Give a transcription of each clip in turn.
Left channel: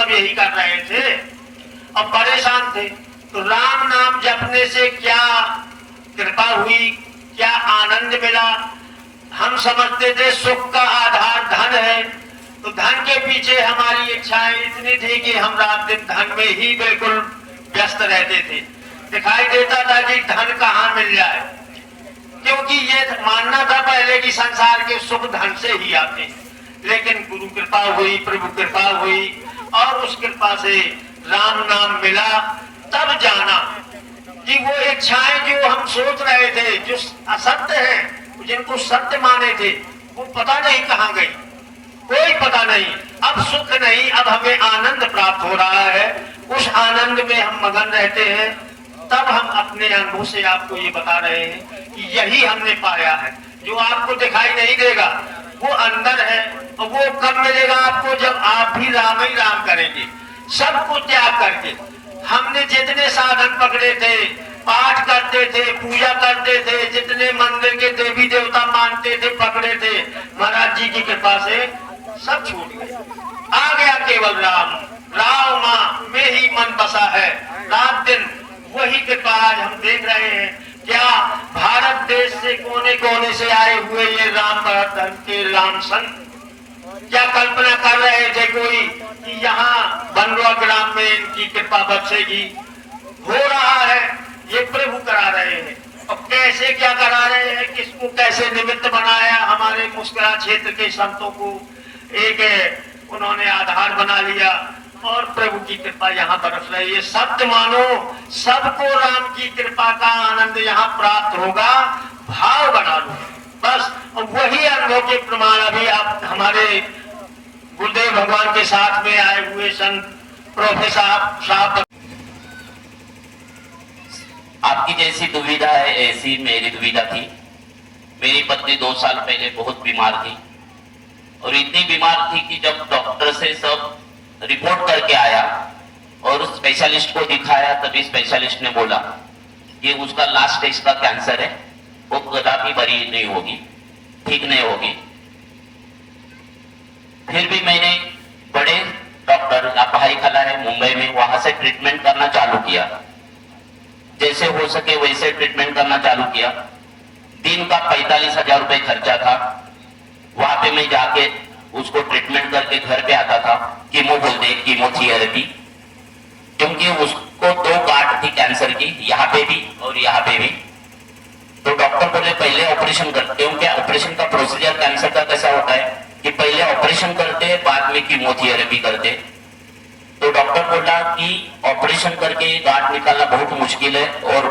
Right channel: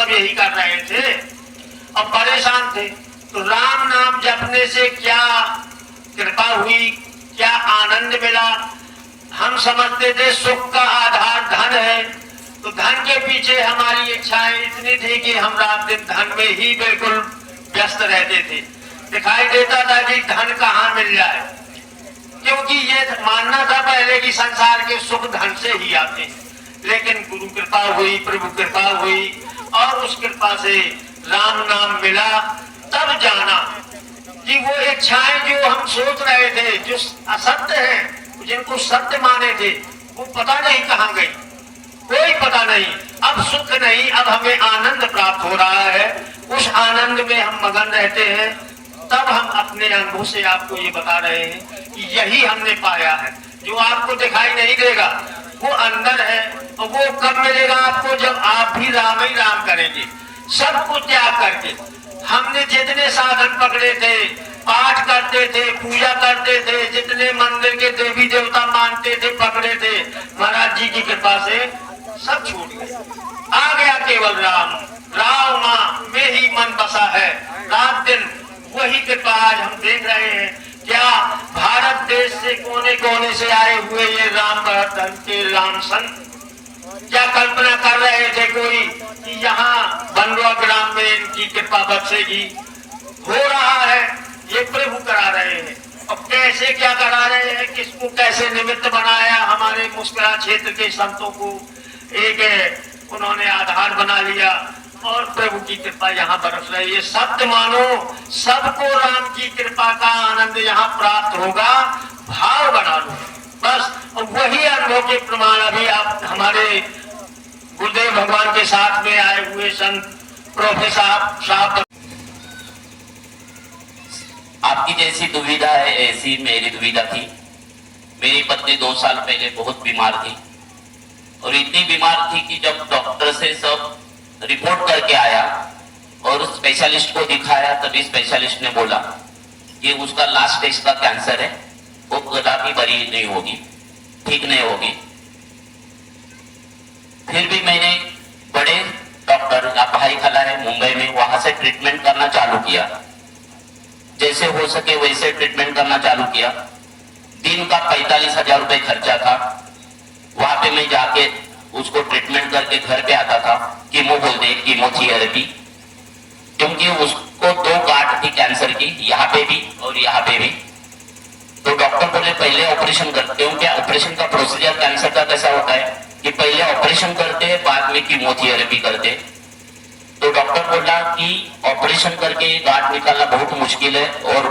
सब यही कर रहे थे और परेशान थे। तो राम नाम जपने से क्या कृपा हुई, क्या आनंद मिला। हम समझते थे सुख का आधार धन है, तो धन के पीछे हमारी इच्छाएं इतनी थी कि हम रात दिन धन में ही बिल्कुल व्यस्त रहते थे। दिखाई देता था कि धन कहाँ मिल जाए, क्योंकि ये मानना था पहले कि संसार के सुख धन से ही आते। लेकिन गुरु कृपा हुई, प्रभु कृपा हुई और उस कृपा से राम नाम मिला। तब जाना कि वो इच्छाएं जो हम सोच रहे थे, जो असत्य है, जिनको सत्य माने थे, वो पता नहीं कहाँ गई, कोई पता नहीं। अब सुख नहीं, अब हमें आनंद प्राप्त हो रहा है, उस आनंद में हम मगन रहते हैं। तब हम अपने अनुभव से आपको ये बता रहे हैं कि यही हमने पाया है। जो आपको दिखाई नहीं देगा वो अंदर है, और वो कब मिलेगा आपको, जब आप भी राम ही राम करेंगे, सब कुछ त्याग करके। हमने जितने साधन पकड़े थे, पाठ करते थे, पूजा करते थे, जितने मंदिर के देवी देवता मानते थे, पकड़े थे, महाराज जी की कृपा से सब छूट गए। आ गया केवल राम, राम माँ में ही मन बसा है। रात दिन वही कृपा आज हम देख रहे हैं। क्या भारत देश से कोने कोने से आए हुए ये राम भक्त धन के राम संत क्या कल्पना कर रहे थे कोई कि यहाँ बनवा ग्राम में इनकी कृपा बरसेगी। हो रहा है, ये प्रभु करा रहे हैं। और कैसे क्या करा रहे हैं, किसको कैसे निमित्त बनाया, हमारे मुस्कुरा क्षेत्र के संतों को एक उन्होंने आधार बना लिया और प्रभु की कृपा यहाँ बरस रही है। सत्य मानो, सबको राम की कृपा का आनंद यहाँ प्राप्त होगा, भाव बना लो बस। और वही अनुभव के प्रमाण अभी आप हमारे गुरुदेव भगवान के साथ में आए हुए संत प्रोफेसर साहब। आपकी जैसी दुविधा है ऐसी मेरी दुविधा थी। मेरी पत्नी 2 साल पहले बहुत बीमार थी, और इतनी बीमार थी कि जब डॉक्टर से सब रिपोर्ट करके आया और स्पेशलिस्ट को दिखाया, तभी स्पेशलिस्ट ने बोला कि उसका लास्ट स्टेज का कैंसर है, वो कदापि बरी नहीं होगी, ठीक नहीं होगी। फिर भी मैंने बड़े डॉक्टर भाई खला है मुंबई में, वहां से ट्रीटमेंट करना चालू किया। जैसे हो सके वैसे ट्रीटमेंट करना चालू किया। दिन का 45,000 रुपए खर्चा था। वहां पे मैं जाके उसको ट्रीटमेंट करके घर पे आता था। कीमो बोलते, कीमोथेरेपी, क्योंकि उसको 2 गांठ थी कैंसर की, यहाँ पे भी और यहाँ पे भी। तो डॉक्टर बोले पहले ऑपरेशन करते हो। क्या ऑपरेशन का प्रोसीजर कैंसर का कैसा होता है कि पहले ऑपरेशन करते, बाद में कीमोथेरेपी करते। तो डॉक्टर बोला कि ऑपरेशन करके गांठ निकालना बहुत मुश्किल है और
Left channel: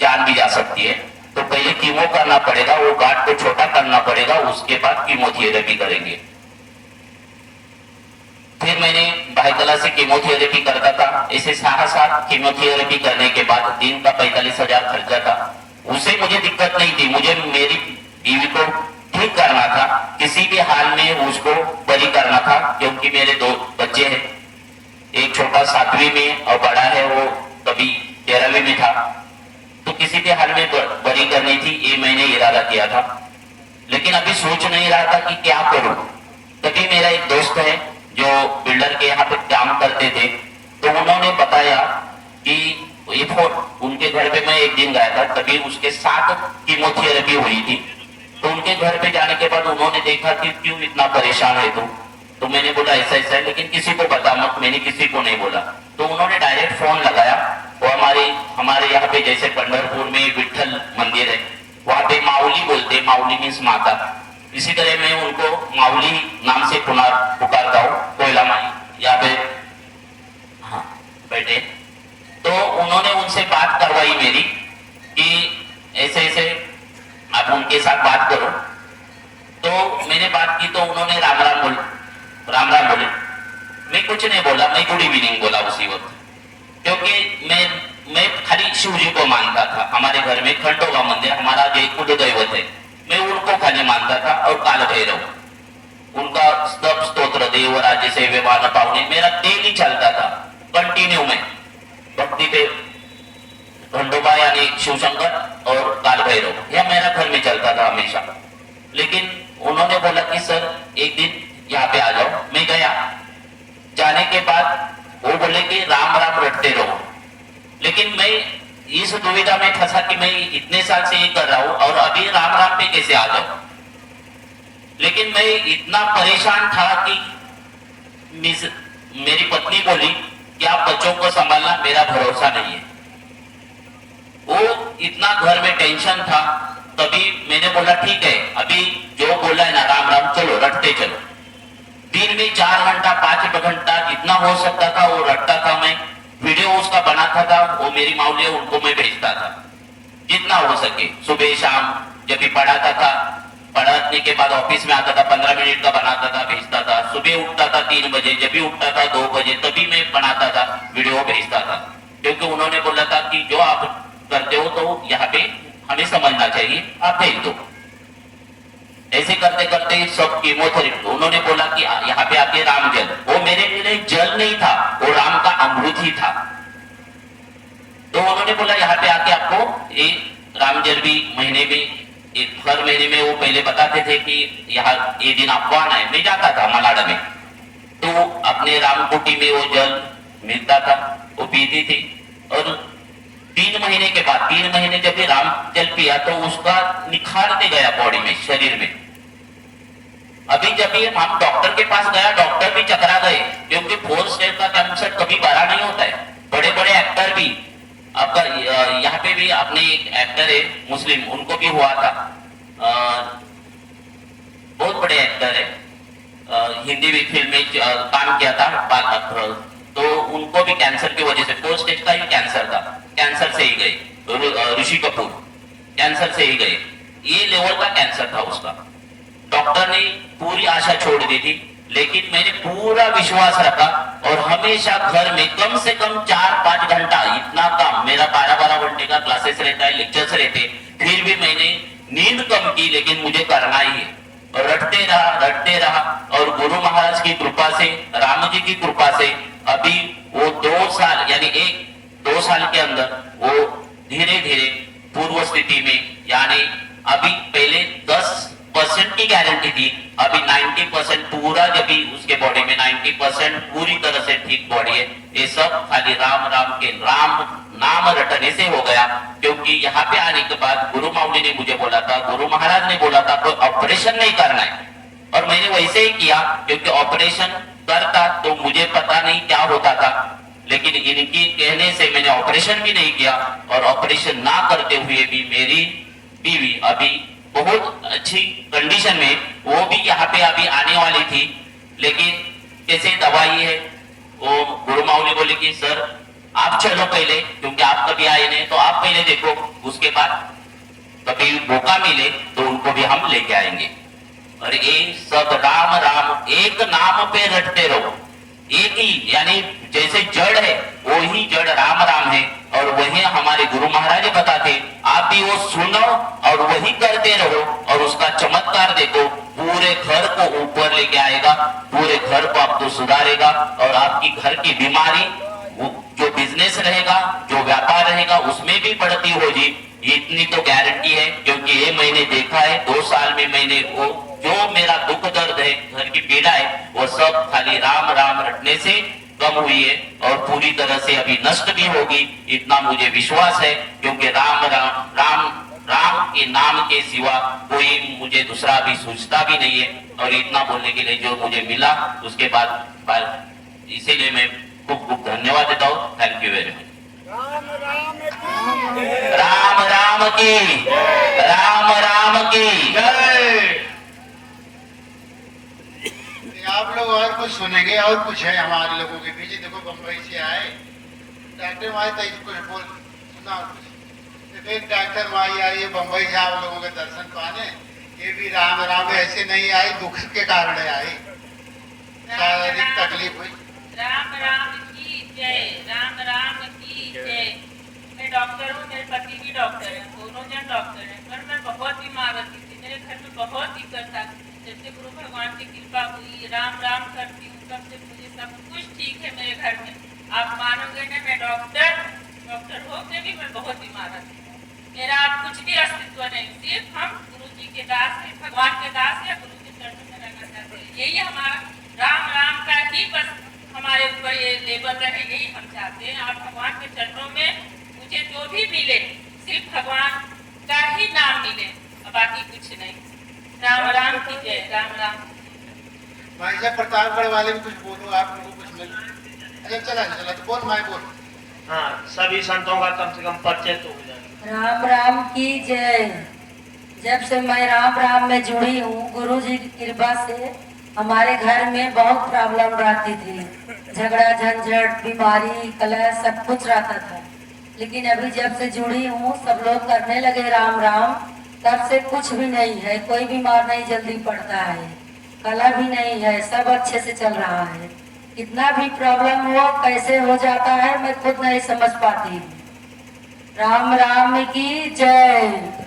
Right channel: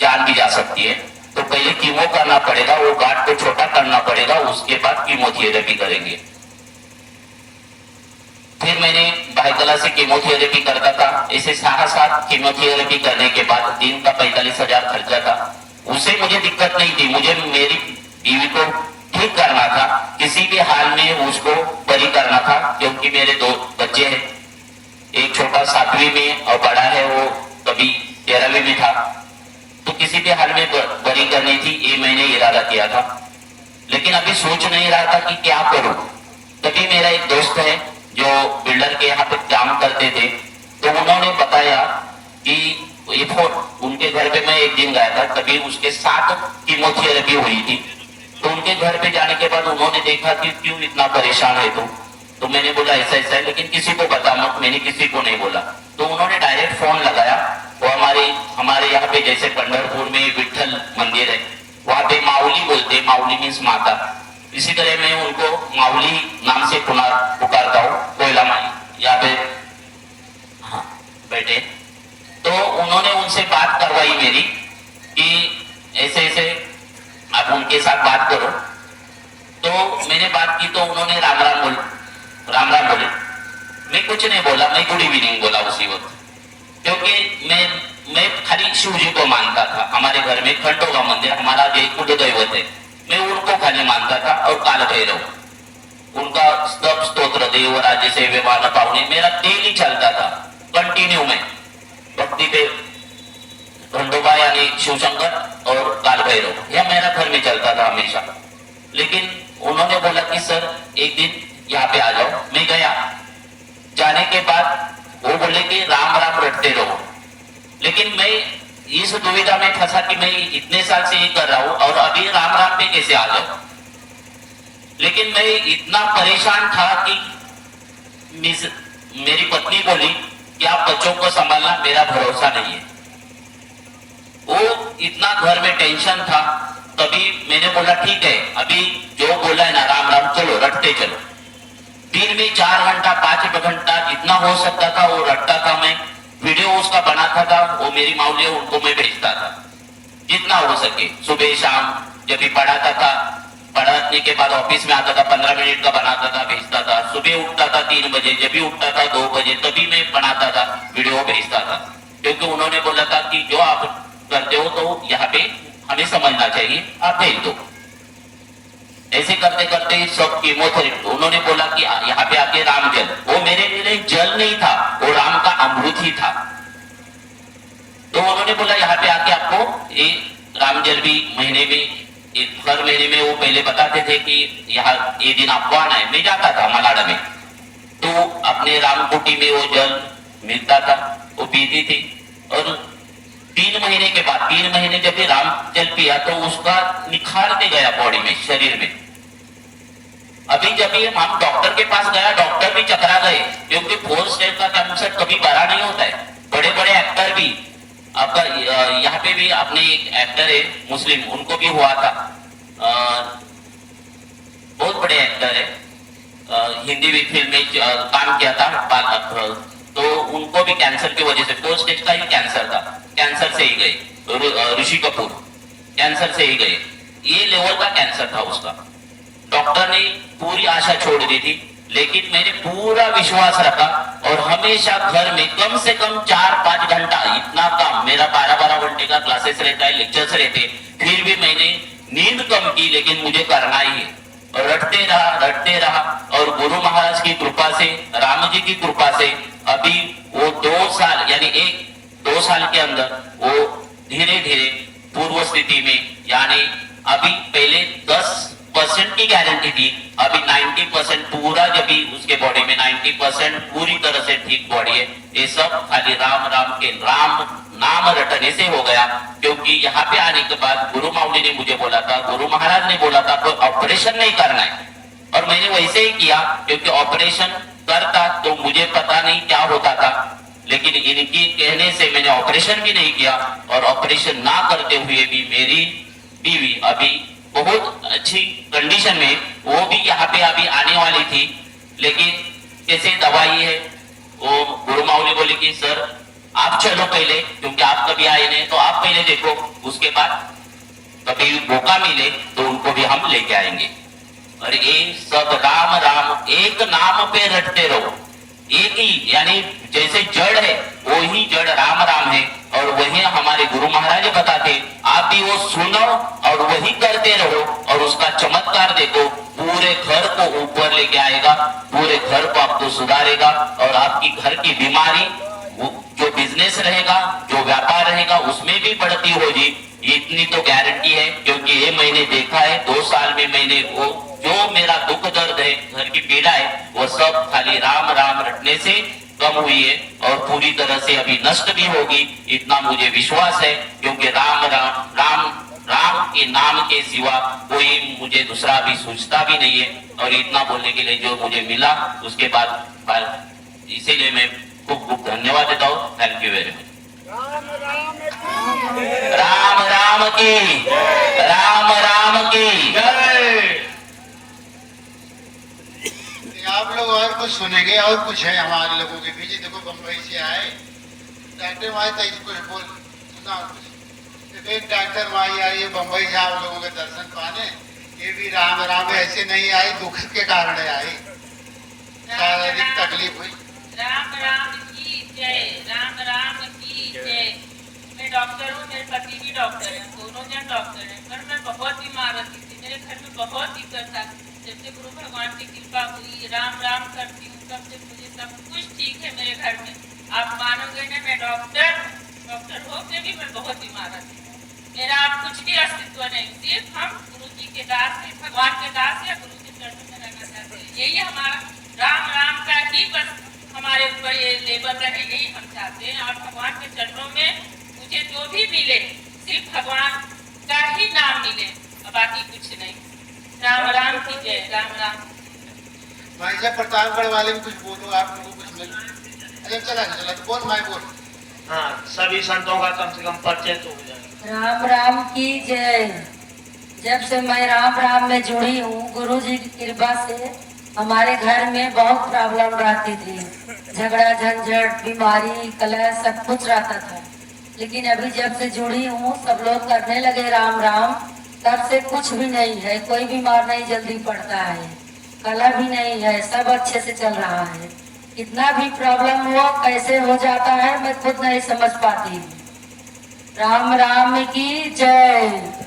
जान भी जा सकती है, तो पहले कीमो करना पड़ेगा, वो गांठ को छोटा करना पड़ेगा, उसके बाद कीमोथेरेपी करेंगे। फिर मैंने भाईकला से कीमोथेरेपी करता था। ऐसे 7 कीमोथेरेपी करने के बाद दिन का 45,000 खर्चा था। उससे मुझे दिक्कत नहीं थी, मुझे मेरी बीवी को ठीक करना था, किसी भी हाल में उसको बरी करना था, क्योंकि मेरे 2 बच्चे हैं, एक छोटा 7वीं में और बड़ा है वो कभी 13वीं में था। तो किसी भी हाल में बरी करनी थी, ये मैंने इरादा किया था। लेकिन अभी सोच नहीं रहा था कि क्या करूं। तभी मेरा एक दोस्त है जो बिल्डर के यहाँ पे काम करते थे, तो उन्होंने बताया कि उनके घर पे मैं एक दिन गया था, तभी उसके 7 कीमोथेरेपी हुई थी। तो उनके घर पे जाने के बाद उन्होंने देखा कि क्यों इतना परेशान है तू। तो मैंने बोला ऐसा ऐसा है, लेकिन किसी को बता मत, मैंने किसी को नहीं बोला। तो उन्होंने डायरेक्ट फोन लगाया। वो हमारे यहाँ पे जैसे पंढरपुर में विठल मंदिर है, वहाँ पे माउली बोलते, माउली मीन्स माता। इसी तरह मैं उनको माउली नाम से पुकारता हूँ, कोयला माई यहाँ पे बैठे। तो उन्होंने उनसे बात करवाई मेरी कि ऐसे ऐसे आप उनके साथ बात करो। तो मैंने बात की तो उन्होंने राम राम बोले। मैं कुछ नहीं बोला, मैं गुड इवनिंग बोला उसी वक्त, क्योंकि मैं खाली शिव जी को मानता था। हमारे घर में खंडोबा मंदिर हमारा जो कुल दैवत है, मैं उनको खाली मानता था। और काल भैरव, उनका स्तव स्तोत्र देवराज से विमान पावनी मेरा डेली चलता था, कंटिन्यू में भक्ति पे खंडोबा यानी शिवशंकर और काल भैरव, यह मेरा घर में चलता था हमेशा। लेकिन उन्होंने बोला कि सर एक दिन यहाँ पे आ जाओ। मैं गया, जाने के बाद वो बोले कि राम राम रटते रहो। लेकिन मैं इस दुविधा में फंसा कि मैं इतने साल से ये कर रहा हूं और अभी राम राम पे कैसे आ जाऊं। लेकिन मैं इतना परेशान था कि मेरी पत्नी बोली कि आप बच्चों को संभालना, मेरा भरोसा नहीं है। वो इतना घर में टेंशन था। तभी मैंने बोला ठीक है, अभी जो बोला है ना राम राम, चलो रटते चलो। दिन में 4 घंटा 5 घंटा जितना हो सकता था वो रटता था। मैं वीडियो उसका बनाता था, वो मेरी माऊली है उनको मैं भेजता था जितना हो सके। सुबह शाम जब भी पढ़ाता था, पढ़ाने के बाद ऑफिस में आता था, 15 मिनट का बनाता था, भेजता था। सुबह उठता था 3 बजे, जब भी उठता था 2 बजे, तभी मैं बनाता था, वीडियो भेजता था। क्योंकि उन्होंने बोला था कि जो आप करते हो तो यहाँ पे हमें समझना चाहिए, आप भेज दो। ऐसे करते करते सब कीमोथेरेपी, उन्होंने बोला कि यहाँ पे आके राम जल, वो मेरे लिए जल नहीं था, वो राम का अमृत ही था। तो उन्होंने बोला यहाँ पे आके आपको ये राम जल भी महीने में, हर महीने में वो पहले बताते थे कि यहाँ ये दिन आपको आना है। मैं जाता था मलाड़ा में, तो अपने रामकुटी में वो जल मिलता था, वो पीती थी। और 3 महीने के बाद, 3 महीने जब भी राम जल पिया तो उसका निखारते गया बॉडी में, शरीर में। अभी जब भी हम डॉक्टर के पास गया, डॉक्टर भी चकरा गए, क्योंकि 4 स्टेज का कैंसर कभी बड़ा नहीं होता है। बड़े बड़े एक्टर भी, आपका यहाँ पे भी अपने एक्टर है मुस्लिम, उनको भी हुआ था। बहुत बड़े एक्टर है, हिंदी भी फिल्म में काम किया था, तो उनको भी कैंसर की वजह से 4 स्टेज का ही कैंसर था, कैंसर से ही गए। ऋषि कपूर कैंसर से ही गए, ये लेवल का कैंसर था उसका। डॉक्टर ने पूरी आशा छोड़ दी थी, लेकिन मैंने पूरा विश्वास रखा और हमेशा घर में कम से कम 4-5 घंटा, इतना काम, मेरा 12-12 घंटे का क्लासेस रहता है, लेक्चर्स रहते, फिर भी मैंने नींद कम की, लेकिन मुझे करना ही है। और रटते रहा और गुरु महाराज की कृपा से, राम जी की कृपा से अभी वो 2 साल, यानी 1-2 साल के अंदर वो धीरे धीरे पूर्व स्थिति में, यानी अभी पहले 10% की गारंटी थी, अभी 90% पूरा, जब भी उसके बॉडी में 90% पूरी तरह से ठीक बॉडी है। ये सब खाली राम राम के राम नाम रटने से हो गया। क्योंकि यहाँ पे आने के बाद गुरु माउली ने मुझे बोला था, गुरु महाराज ने बोला था कोई ऑपरेशन नहीं करना है, और मैंने वैसे ही किया। क्योंकि ऑपरेशन करता तो मुझे पता नहीं क्या होता था, लेकिन इनके कहने से मैंने ऑपरेशन भी नहीं किया। और ऑपरेशन ना करते हुए भी मेरी बीवी अभी बहुत अच्छी कंडीशन में, वो भी यहाँ पे अभी आने वाली थी। लेकिन कैसे दवाई है, वो गुरु माउली बोले कि सर आप चलो पहले, क्योंकि आप कभी आए नहीं, तो आप पहले देखो, उसके बाद कभी मौका मिले तो उनको भी हम लेके आएंगे। और ये सब राम राम, एक नाम पे रटते रहो, एक ही, यानी जैसे जड़ है वही जड़ राम राम है। और वही हमारे गुरु महाराज बताते, आप भी वो सुनो और वही करते रहो, और उसका चमत्कार देखो, पूरे घर को ऊपर लेके आएगा, पूरे घर को आपको सुधारेगा। और आपकी घर की बीमारी, जो बिजनेस रहेगा, जो व्यापार रहेगा, उसमें भी बढ़ती होगी, इतनी तो गारंटी है। क्योंकि ये मैंने देखा है, 2 साल में मैंने वो जो मेरा दुख दर्द है, घर की पीड़ा है, वो सब खाली राम राम रटने से कम हुई है, और पूरी तरह से अभी नष्ट भी होगी, इतना मुझे विश्वास है। क्योंकि राम राम राम राम के नाम के सिवा कोई मुझे दूसरा भी सूझता भी नहीं है। और इतना बोलने के लिए जो मुझे मिला, उसके बाद इसीलिए मैं खूब खूब धन्यवाद देता हूँ। Thank you very much. Ram Ram की, राम राम की जय। आप लोग और कुछ सुनेंगे, और कुछ है हमारे लोगों के बीच। देखो बम्बई से आए डॉक्टर भाई, तो इसको बोल सुना कुछ। एक डॉक्टर भाई आई है बम्बई से आप लोगों के दर्शन पाने। ये भी राम राम ऐसे नहीं आए, दुख के कारण आए, शारीरिक तकलीफ हुई। राम राम की जय, राम राम की जय। मैं डॉक्टर हूँ, मेरे पति भी डॉक्टर है, दोनों जन डॉक्टर है। पर मैं बहुत बीमार रहती थी, मेरे घर में बहुत दिक्कत था। जैसे गुरु भगवान की कृपा हुई, राम राम करती हूँ, तब से मुझे सब कुछ ठीक है मेरे घर में। आप मानोगे नहीं, मैं डॉक्टर होकर भी मैं बहुत बीमार रहती हूँ। मेरा आप कुछ भी अस्तित्व नहीं, सिर्फ हम गुरु जी के दास है, भगवान के दास या गुरु के चरणों में रहना चाहते हैं। यही हमारा राम राम का ही बस हमारे ऊपर ये लेबर रहे। राम। भाई साहब प्रतापगढ़ वाले कुछ बोलो, आप लोगों को कुछ मिल। अच्छा चला तो बोल भाई बोल। हाँ, सभी संतों का कम से कम परिचय तो हो जाए। राम राम की जय। जब से मैं राम राम में जुड़ी हूँ, गुरु जी की कृपा से हमारे घर में बहुत प्रॉब्लम रहती थी, झगड़ा झंझट बीमारी कलह सब कुछ रहता था। लेकिन अभी जब से जुड़ी हूँ सब लोग करने लगे राम राम, तब से कुछ भी नहीं है, कोई बीमार नहीं जल्दी पड़ता है, कलह भी नहीं है, सब अच्छे से चल रहा है। कितना भी प्रॉब्लम हो कैसे हो जाता है मैं खुद नहीं समझ पाती हूँ। राम राम की जय।